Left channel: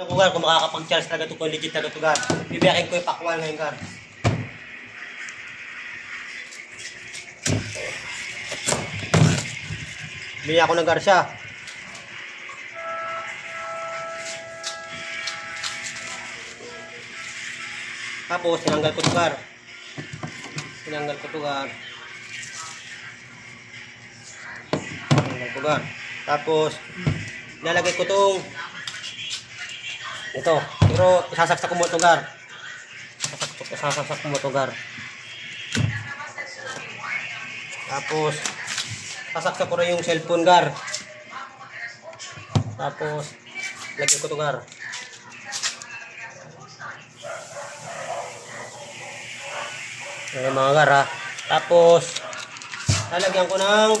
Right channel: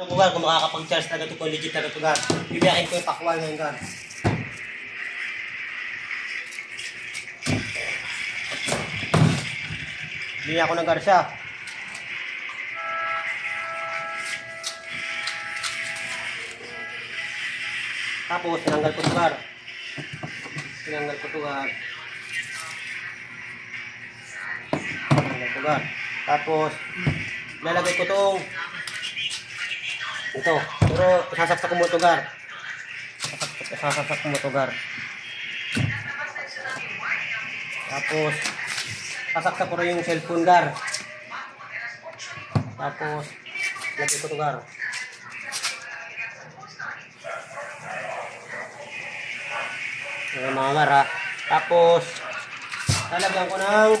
Kung gar, kung makakapag-charge talaga ito, kung legit talaga ito gar. Bibiyakin ko yung pakwal ngayon gar. Bili ako ng gar siya. Tapos, tinanggal ko ito gar. Tinanggal ko ito gar. Tinanggal ko gar. Tapos, lalagay ko itong ito. Pero, isasaksak ko mo ito gar. Isasaksak ko mo ito gar. Tapos, sasaksak ko rin yung cellphone gar. Tapos, lagay ko ito gar. Ayan mga gar ha. Tapos, lalagyan ko ng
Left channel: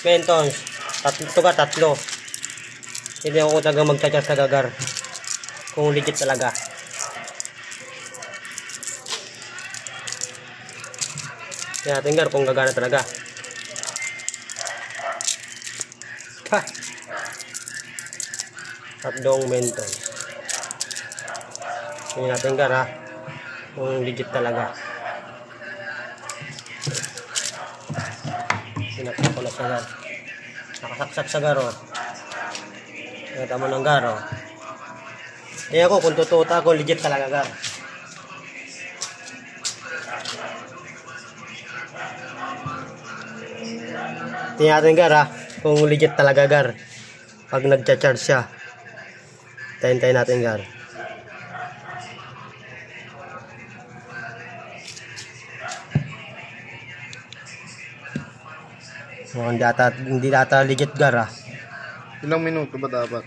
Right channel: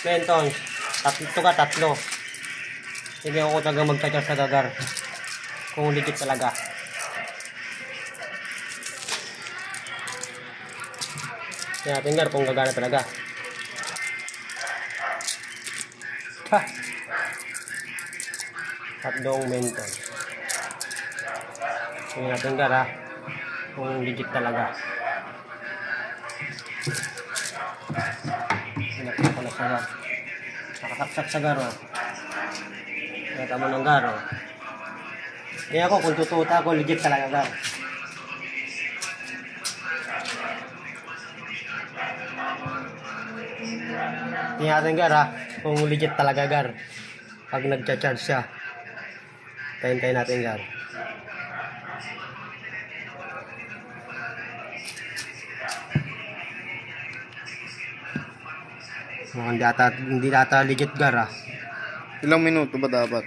pentons. Ito ka, tatlo. Hindi ako talaga mag-charge sa gagar. Kung legit talaga. Tingnan natin gar kung gagana talaga. Pa! Tatlong mentons. Tingnan natin gar ha. Kung legit talaga. Sinaksak ko na siya gar. Nakasaksak sa gar o. Nakita mo ng gar o. Tingnan ko kung totoo ako legit talaga gar. Tingnan natin gar ha. Kung legit talaga gar. Pag nagcha-charge siya. Tayin-tayin natin gar. Mukhang hindi data legit gar ha. Ilang minuto ba dapat?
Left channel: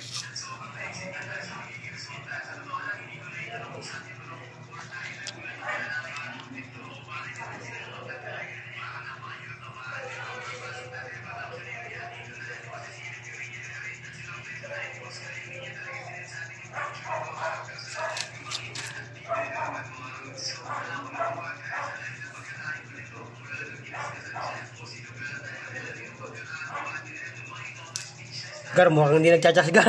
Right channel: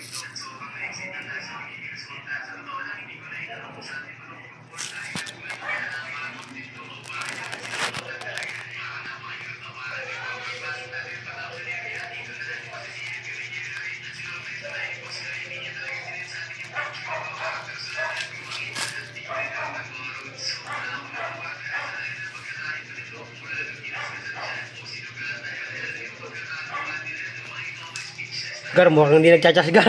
Gar, mukhang hindi nagcha-charge gar.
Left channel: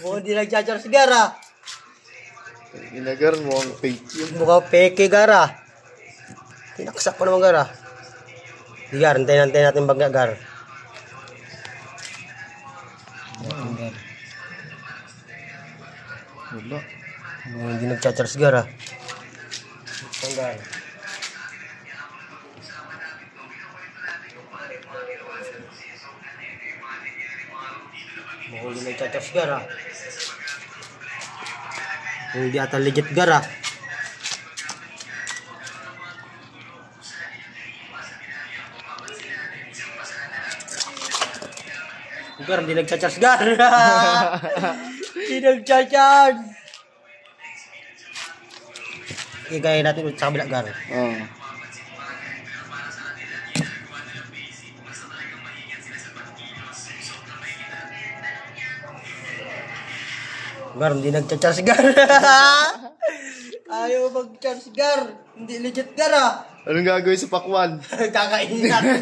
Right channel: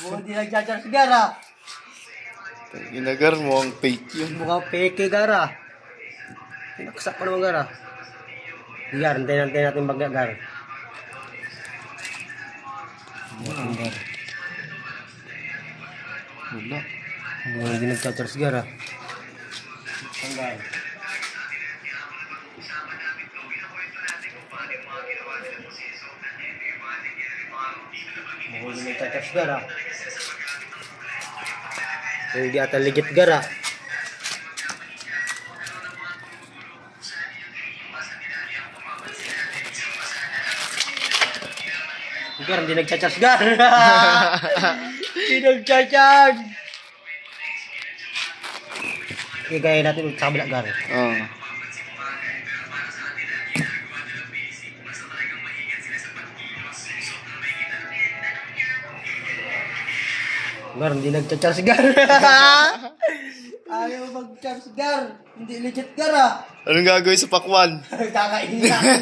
Mukhang hindi nagcha-charge gar ha. Inagar mo ang fake yun. Mukhang peke gar ha. Pinaksak ko naman gar ha. Di gar, antayin natin bagya gar. Wala. Mukhang hindi nagcha-charge gar ha. Saan gar? Mukhang hindi nagcha-charge gar ha. Hindi ata legit gar ha. Gar, hindi nagcha-charge gar. Hindi nagcha-charge. Igaya natin ulit sa kabila gar. Oo. Gar, hindi nagcha-charge gar. Ayaw mag-charge gar. Hindi legit gar ha. Anong gagawin sa pakwan? Kakainin natin.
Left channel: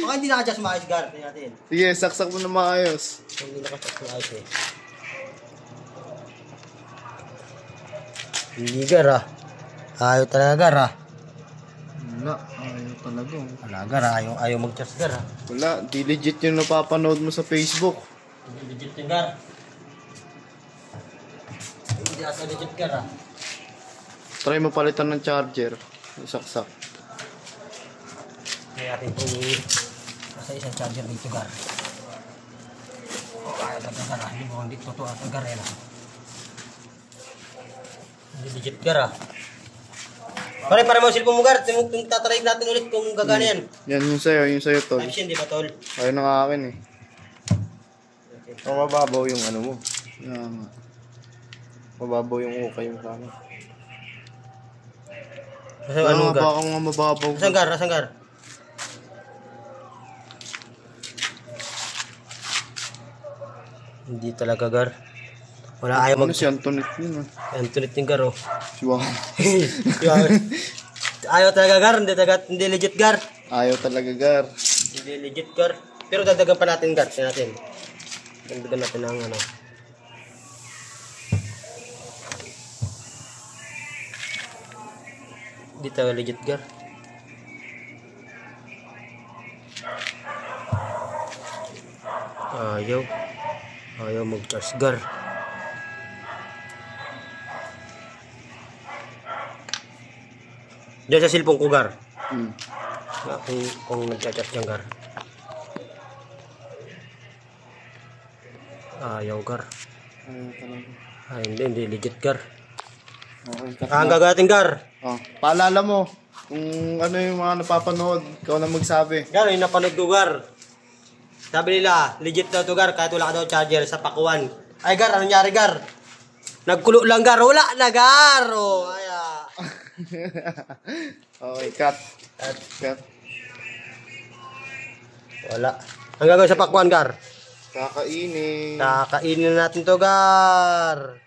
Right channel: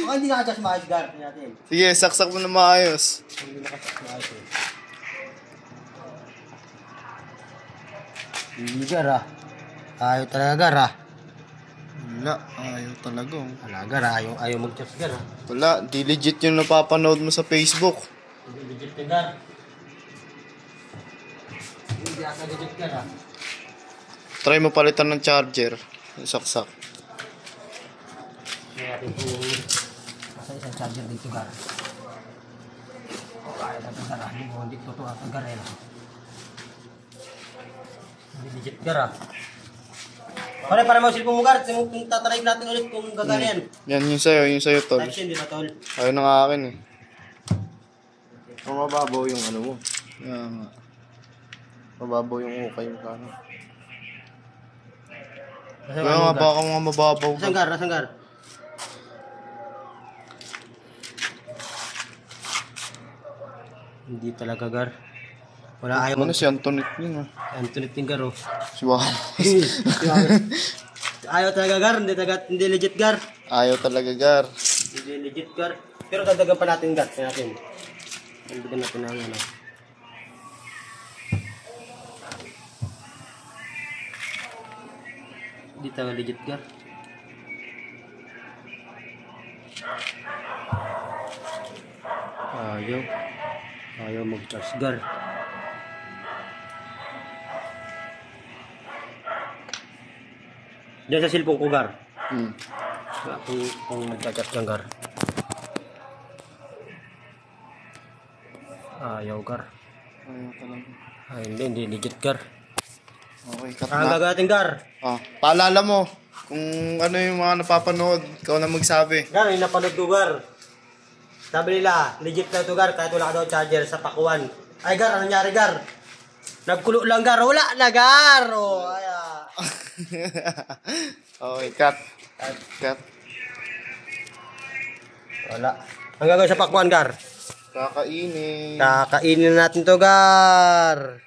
Baka hindi naka-charge maayos gar. Tingnan natin. Sige, saksak mo na maayos. Hindi naka-charge maayos eh. Hindi gar ha. Ayaw talaga gar ha. Wala, ayaw talaga. Wala gar ha. Ayaw mag-charge gar ha. Wala, di legit yung napapanood mo sa Facebook. Hindi legit yung gar. Hindi asa legit gar ha. Try mo palitan ng charger. Saksak. Kaya natin kung nasa isang charger dito gar. Ayaw talaga gar ha. Hindi mo hindi totoo ang gar eh. Hindi legit gar ha. Pare mo silpong mo gar. Tatry natin ulit kung gagana yan. Yan, yung sa'yo tol. Action di ba tol? Ayaw ng akin eh. Ang mababaw yung ano mo. Yan nga. Mababaw yung ukay mo sana. Kaya nga baka mga mababaw. Nasaan gar? Nasaan gar? Hindi talaga gar. Wala ayaw Ano si Antoinette yun ah. Antoinette yung gar oh. Si Juan. Ayaw talaga gar. Hindi legit gar. Ayaw talaga gar. Hindi legit gar. Pero dagdagan pa natin gar. Tingnan natin. Tagdagan natin ng ano. Di tayo legit gar. Ayaw mag-charge gar. Diyan sa cellphone ko gar. Kung nag-charge ng gar. Ayaw gar. Ayaw talaga. Ay, hindi legit gar. Okay, cut Ang na. gagating gar. Paalala mo, kung ano yung mga napapanood, ikaw na magsabi. Gar, yung napanood ko gar. Sabi nila, legit na to gar, kahit wala ka daw charger sa pakuan. Ay gar, anong nangyari gar? Nagkulo lang gar, wala na gar. Oh, Okay, cut. Cut. Wala. Ang gagawin sa pakuan gar? Kakainin. Kakainin natin to gar.